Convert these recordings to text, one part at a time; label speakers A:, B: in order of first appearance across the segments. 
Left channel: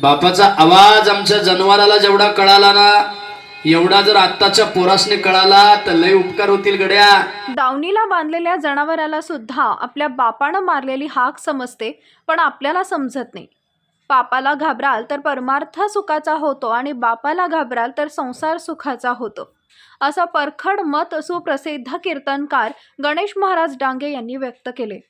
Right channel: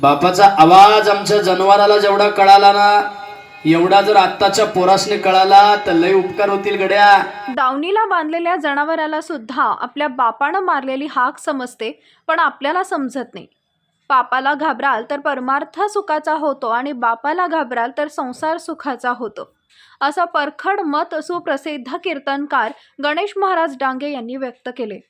A: बापाचा आवाज आमच्या जनावराला जेवढा कळाला ना एवढा जर आत्ताच्या पोरासने कळाला तर लय उपकार होतील गड्या.
B: दावणीला बांधलेल्या जनावराला सुद्धा आपल्या बापानं मारलेली हाक समजते पण आपल्याला समजत नाही. बापाला घाबराल तर परमार्थ सुखाचा होतो आणि बापाला घाबराल तर संसार सुखाचा होतो. असं परखड मत सुप्रसिद्ध कीर्तनकार गणेश महाराज डांगे यांनी व्यक्त केले.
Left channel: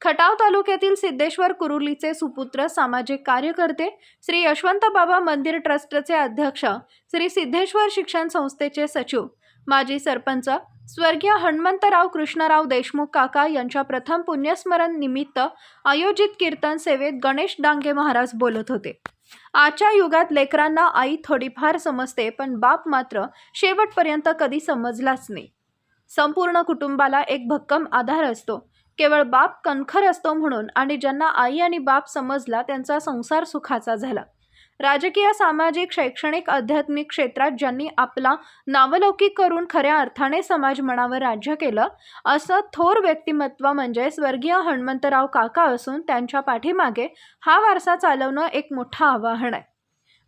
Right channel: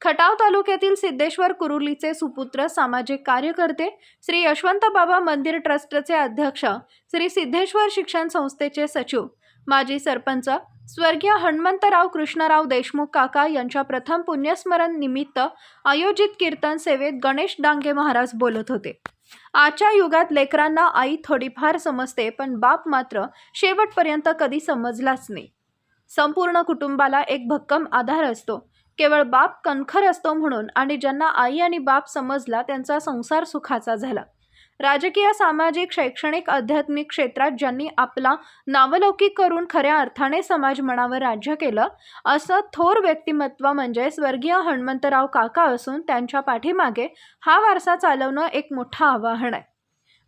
B: खटाव तालुक्यातील सिद्धेश्वर कुरुलीचे सुपुत्र सामाजिक कार्यकर्ते श्री यशवंत बाबा मंदिर ट्रस्टचे अध्यक्ष श्री सिद्धेश्वर शिक्षण संस्थेचे सचिव माजी सरपंच स्वर्गीय हनुमंतराव कृष्णराव देशमुख काका यांच्या प्रथम पुण्यस्मरण निमित्त आयोजित कीर्तन सेवेत गणेश डांगे महाराज बोलत होते. आजच्या युगात लेकरांना आई थोडीफार समजते पण बाप मात्र शेवटपर्यंत कधी समजलाच नाही. संपूर्ण कुटुंबाला एक भक्कम आधार असतो. केवळ बाप कणखर असतो म्हणून आणि ज्यांना आई आणि बाप समजला त्यांचा संसार सुखाचा झाला. राजकीय सामाजिक शैक्षणिक आध्यात्मिक क्षेत्रात ज्यांनी आपला नावलौकिक करून खऱ्या अर्थाने समाज मनावर राज्य केलं असं थोर व्यक्तिमत्व म्हणजे स्वर्गीय हनुमंतराव काका असून त्यांच्या पाठीमागे हा वारसा चालवणं एक मोठं आव्हान आहे.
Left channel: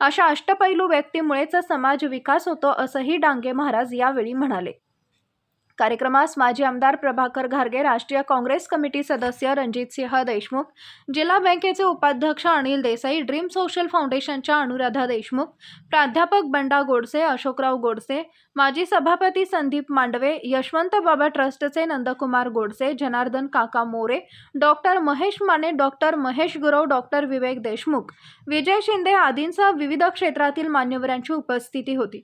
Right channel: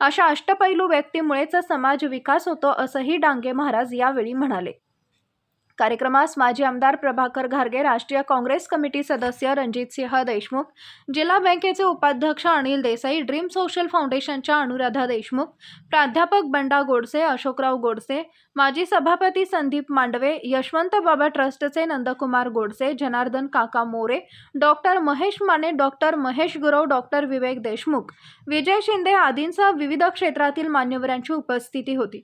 B: अशा अष्टपैलू व्यक्तीमुळेच समाज विकास होतो असंही डांगे महाराज यावेळी म्हणाले. कार्यक्रमास माजी आमदार प्रभाकर घारगे राष्ट्रीय काँग्रेस कमिटी सदस्य रणजितसिंह देशमुख जिल्हा बँकेचे उपाध्यक्ष अनिल देसाई ड्रीम सोशल फाउंडेशनच्या अनुराधा देशमुख प्राध्यापक बंडा गोडसे अशोकराव गोडसे माजी सभापती संदीप मांडवे यशवंत बाबा ट्रस्टचे नंदकुमार गोडसे जनार्दन काका More doctor Mahesh Mane doctor Mahesh Gurav doctor Vivek Deshmukh Vijay Shinde आदींसह विविध क्षेत्रातील मान्यवरांची उपस्थिती होती.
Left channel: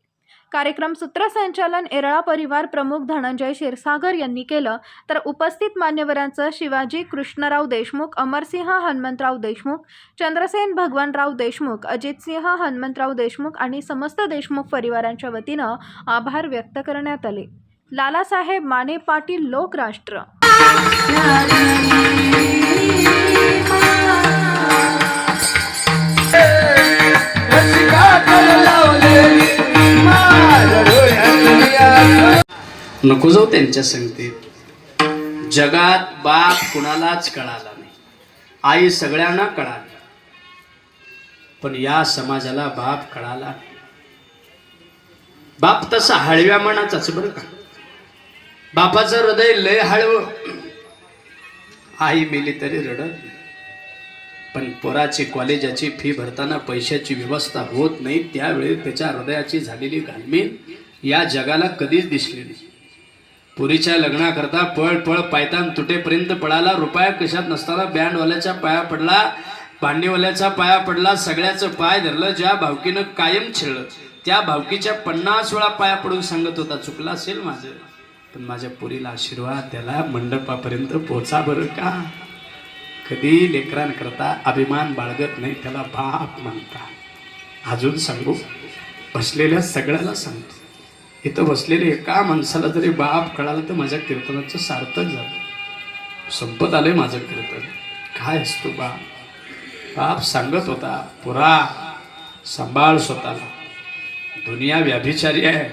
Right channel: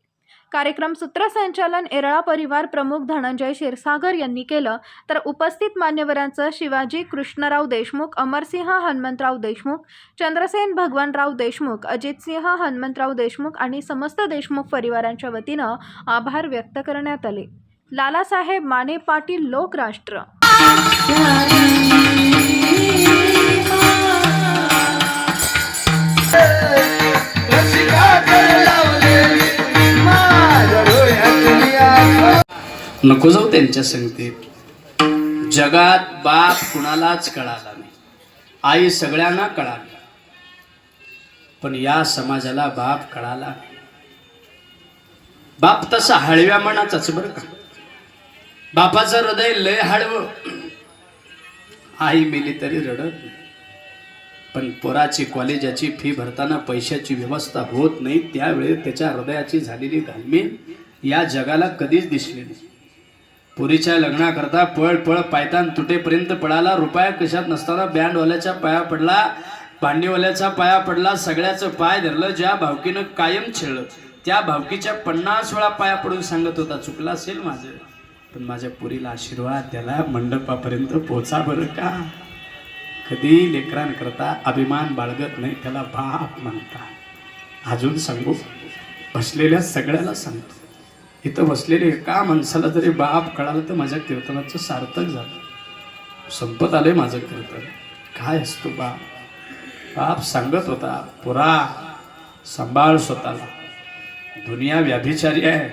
B: कार्यक्रम सूत्रसंचालन एरळा परिवार प्रमुख धनंजय क्षीरसागर यांनी केलं. तर उपस्थित मान्यवरांचं शिवाजी कृष्णराव देशमुख अमरसिंह हनुमंतराव देशमुख चंद्रसेन भगवानराव देशमुख अजितसिंह हनुमंतराव देशमुख आणि समस्त देशमुख परिवारांच्या वतीनं आभार व्यक्त करण्यात आले. लालासाहेब माने पाटील लोकराष्ट्र.
A: नको जाऊ त्यांच्या संगतीत. जगात बाप कुणालाच कळाला नाही. आई सगळ्यांना कळाली. पण या समाजाला बाप कळाला बाप तसा हळव्या मनाचाच बरं का? बापाचं हृदय लय हळव. आई मेली तरी रडत पण पोराची कॉलेजाची फी भरताना पैशाची व्यवस्था होत नाही त्यावेळी त्याच्या हृदयाची झालेली घालमेल या जगाला कधीच दिसली नाही. पुरीच्या लग्नाकरता पळ पळ पायतान तुटेपर्यंत पळाला. रुपया कशात नसताना बँडवाल्याच्या पाया पडला. भांडीवाल्याचा पाया पडला. सगळ्याचं पाय धरलं. ज्या भावकीनं कायम छेळलं त्या भावकीच्या पन्नास वेळा पाया पडून सांगत होता चुकला असेल माझं. पण माझ्या पुरीला आशीर्वाद त्याला मंडपापर्यंत पोचा बरं का? कधी लेकरांकरता अभिमान बाळगत नाही त्याला बाप म्हणता. अजून सांगू? बसलेल्या सगळ्याला सांगतो. इथं बसलेले एका माणसाला जरी बाप कळालं तर माझ्या कीर्तनाचं सार्थक झालं. संपत आलंय माझं कीर्तन. काय असतो बाप? बाप सांगत होता पुरा सांभाळ स्वतःला. दुनिया व्याभिचारी आहे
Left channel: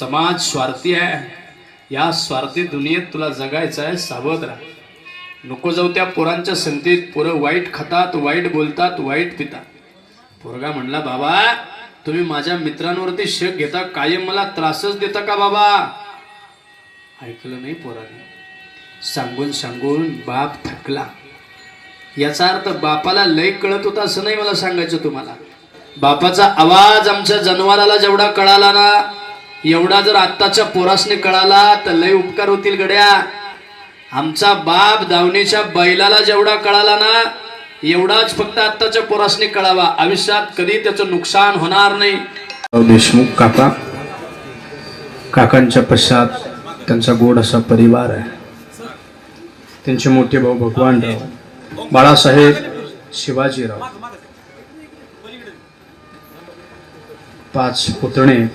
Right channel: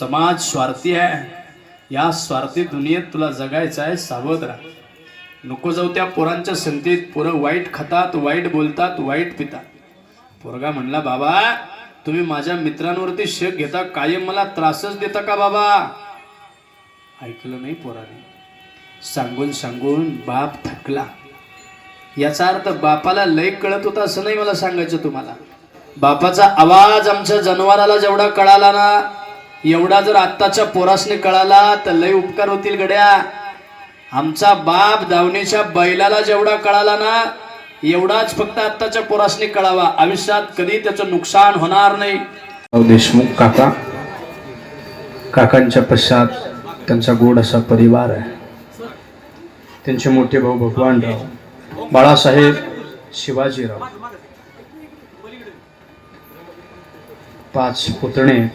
A: समाज स्वार्थी आहे. या स्वार्थी दुनियेत तुला जगायचं आहे सावध राहा. नको जाऊ त्या पोरांच्या संधीत पोरं वाईट खातात वाईट बोलतात वाईट पितात. पोरगा म्हणला बाबा तुम्ही माझ्या मित्रांवरती शेक घेता कायम मला त्रासच देता का बाबा? ऐकलं नाही पोराने. सांगून सांगून बाप थकला. याचा अर्थ बापाला लय कळत होता असं नाही मला सांगायचं तुम्हाला. बापाचा आवाज आमच्या जनावराला जेवढा कळाला ना एवढा जर आत्ताच्या पोरासने कळाला तर लय उपकार होतील गड्या. आमचा बाप धावणीच्या बैलाला जेवढा कळाला ना एवढाच फक्त आत्ताच्या पोरासने कळावा. आयुष्यात कधी त्याचं नुकसान होणार नाही. देशमुख काका. काकांच्या पश्चात त्यांचा गोड असा परिवार आहे. त्यांचे मोठे भाऊ भगवानराव बाळासाहेब शिवाजीराव पाच पुतणे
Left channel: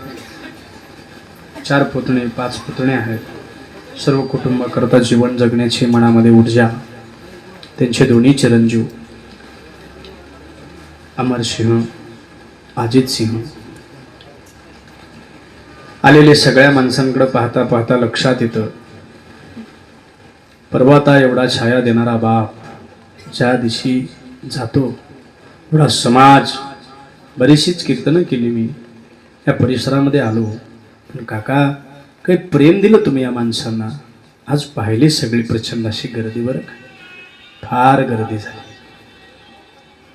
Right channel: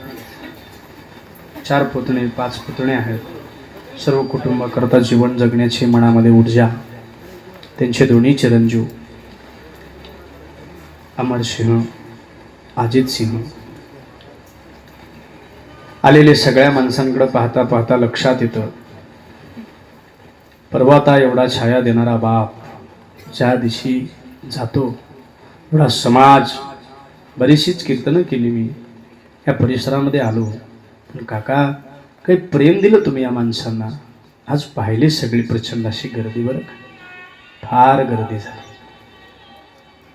A: चार पुतणे पाच पुतणे आहेत. सर्व कुटुंबाकरता जीवन जगण्याची मनामध्ये ऊर्जा. त्यांचे दोन्ही चिरंजीव अमर सिंह अजित सिंह. आलेले सगळ्या माणसांकडे पाहता पाहता लक्षात येतं. पर्वता एवढा छाया देणारा बाप ज्या दिवशी जातो एवढा समाज बरीचशीच कीर्तनं केली मी. या परिसरामध्ये आलो. पण काका काही प्रेम दिलं तुम्ही या माणसांना? आज पाहिले सगळी प्रचंड अशी गर्दी बरं फार गर्दी झाली.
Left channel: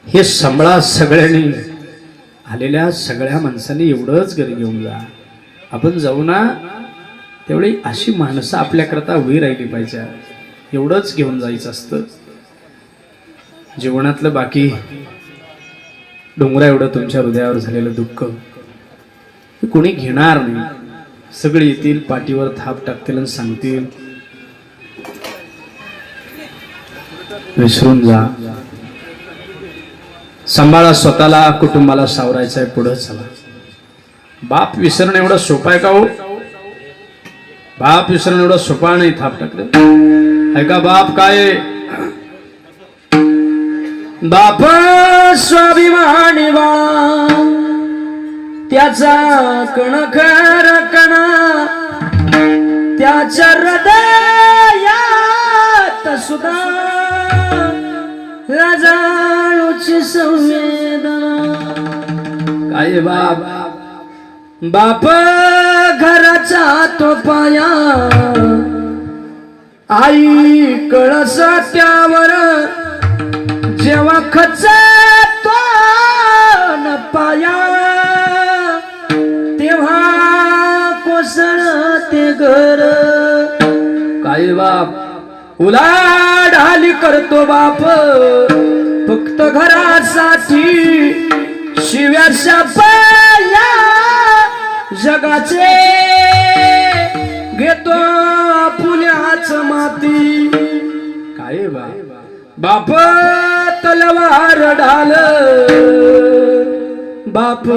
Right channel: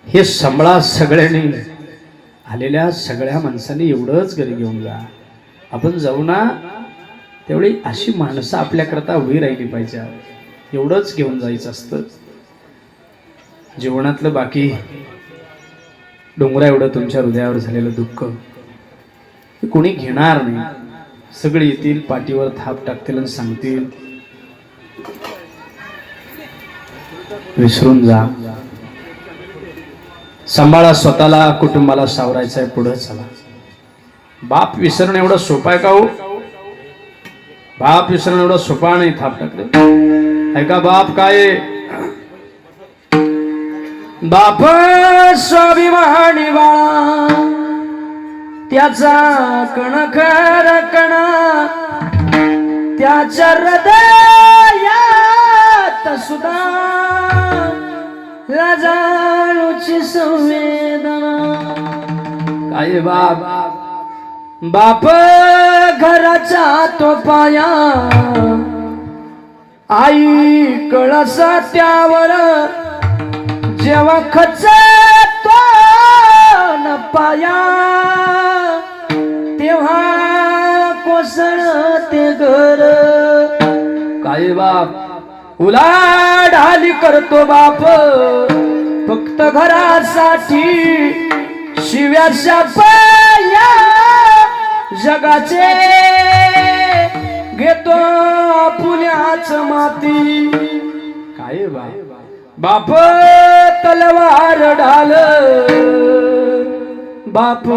A: हे संबळा सगळ्यांनी. आलेल्या सगळ्या माणसांनी एवढंच घरी घेऊन जा. आपण जाऊ ना तेवढी अशी माणसं आपल्याकरता उभी राहिली पाहिजे. एवढंच घेऊन जायचं असतं. जीवनातलं बाकी डोंगरा एवढं तुमच्या हृदयावर झालेलं दुःख कोणी घेणार नाही. सगळे येतील पाठीवर थाप टाकतील आणि सांगतील विसरून जा. सांभाळा स्वतःला कुटुंबाला सावरायचं आहे पुढे चला. बाप विसरणं एवढं सोपं आहे का हो? बाप विसरणं एवढं सोपा नाही थाप टाकले. ऐका बाप काय? बाप स्वाभिमानी बा. त्याचा कणखर कणा त्याच्या हृदयात सुद्धा लाजाळूची संवेदना काय बाप? बाप घराचा तो पाया। आई कळस त्यावर। जेव्हा खच तो न पाया। तेव्हा कोसळ ते घर। काय बाप? ढाली करतो बाप. फक्त घरासाठी शिव्याच्या पाया जगाचे घेतो पुण्याच माती. काय बा? बाप तलवार ढाल. बाप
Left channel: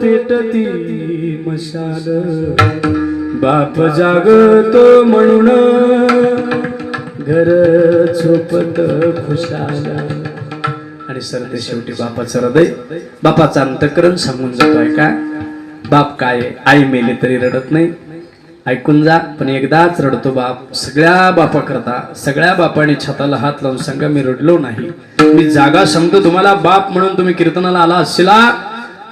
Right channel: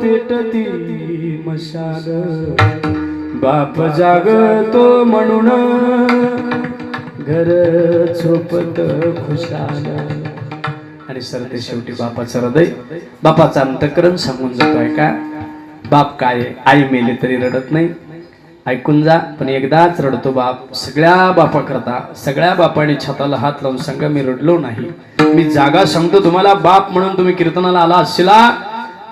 A: पेटती मशाल. बाप जागतो म्हणून घर झोपत खुशाल. आणि सर ते शेवटी बापाचं हृदय. बापाचं अंतकरण सांगून जातोय का? बाप काय आई मेले तरी रडत नाही. ऐकून जा पण एकदाच रडतो बाप. सगळ्या बापा करता सगळ्या बापाने छताला हात लावून सांगा मी रडलो नाही. मी जागा सांगतो तुम्हाला बाप म्हणून तुम्ही कीर्तनाला आला असला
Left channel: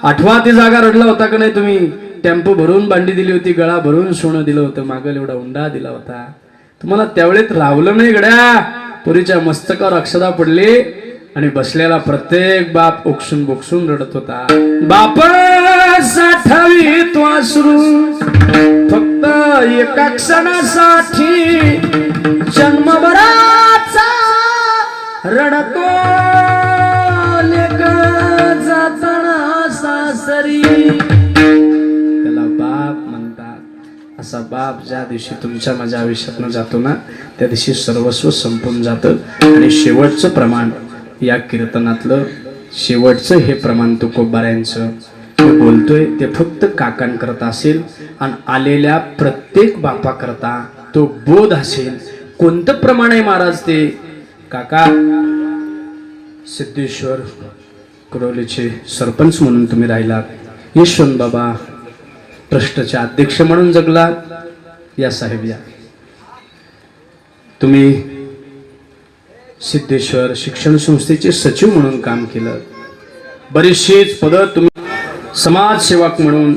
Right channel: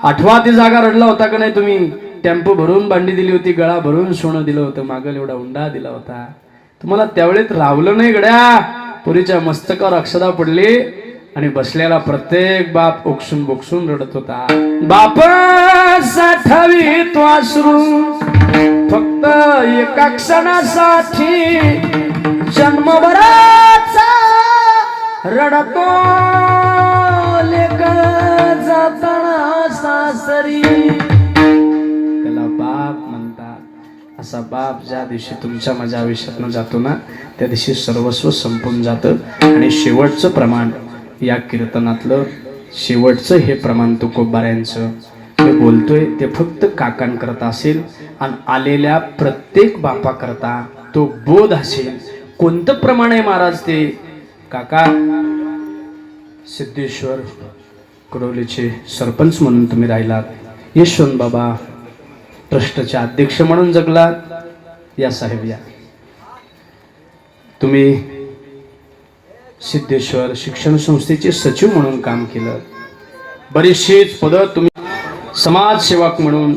A: आठवा ती जागा रडला होता का नाही तुम्ही? टेम्पो भरून बांडी दिली होती गळा भरून सोनं दिलं होतं मागल एवढा उंडा दिला होता. तुम्हाला त्यावेळेत रावलं नाही गड्या. पुरीच्या मस्तकावर अक्षदा पडली आणि बसलेला प्रत्येक बाप ओकसून बोकसून रडत होता. बाप साठावी तो अश्रू फक्त एका क्षणासाठी जन्मभराचा रडतो. लेक जाताना सासरी. असा बाप ज्या दिवशी तुमच्या माझ्या आयुष्यातनं जातो ना त्या दिवशी सर्वस्व संपून जातं. आणि शेवटचं प्रमाण या कीर्तनातलं शेवटचं हे प्रमाण तुकोबाऱ्यांचं मी बोलतोय ते फक्त काकांकरता असेल आणि आलेल्या प्रत्येक बापाकरता तो बोध असेल. कोणतं प्रमाण आहे महाराज ते? काका सिद्धेश्वर कडोलीचे सरपंच म्हणून तुम्ही राहिलात. यशवंत बाबा ट्रस्टचे अध्यक्ष म्हणून जगला. या साहेब या. तुम्ही सिद्धेश्वर शिक्षण संस्थेचे सचिव म्हणून काम केलं. बरीचशीच पदं तुम्ही समाजसेवक म्हणून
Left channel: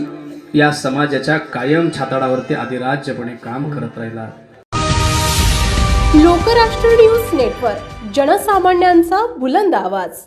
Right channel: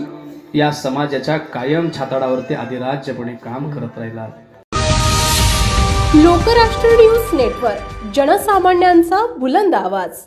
A: या समाजाच्या कायम छाताडावरती अधिराज्यपणे काम करत राहिला
C: लोकराष्ट्र न्यूज नेटवर्क जनसामान्यांचा बुलंद आवाज.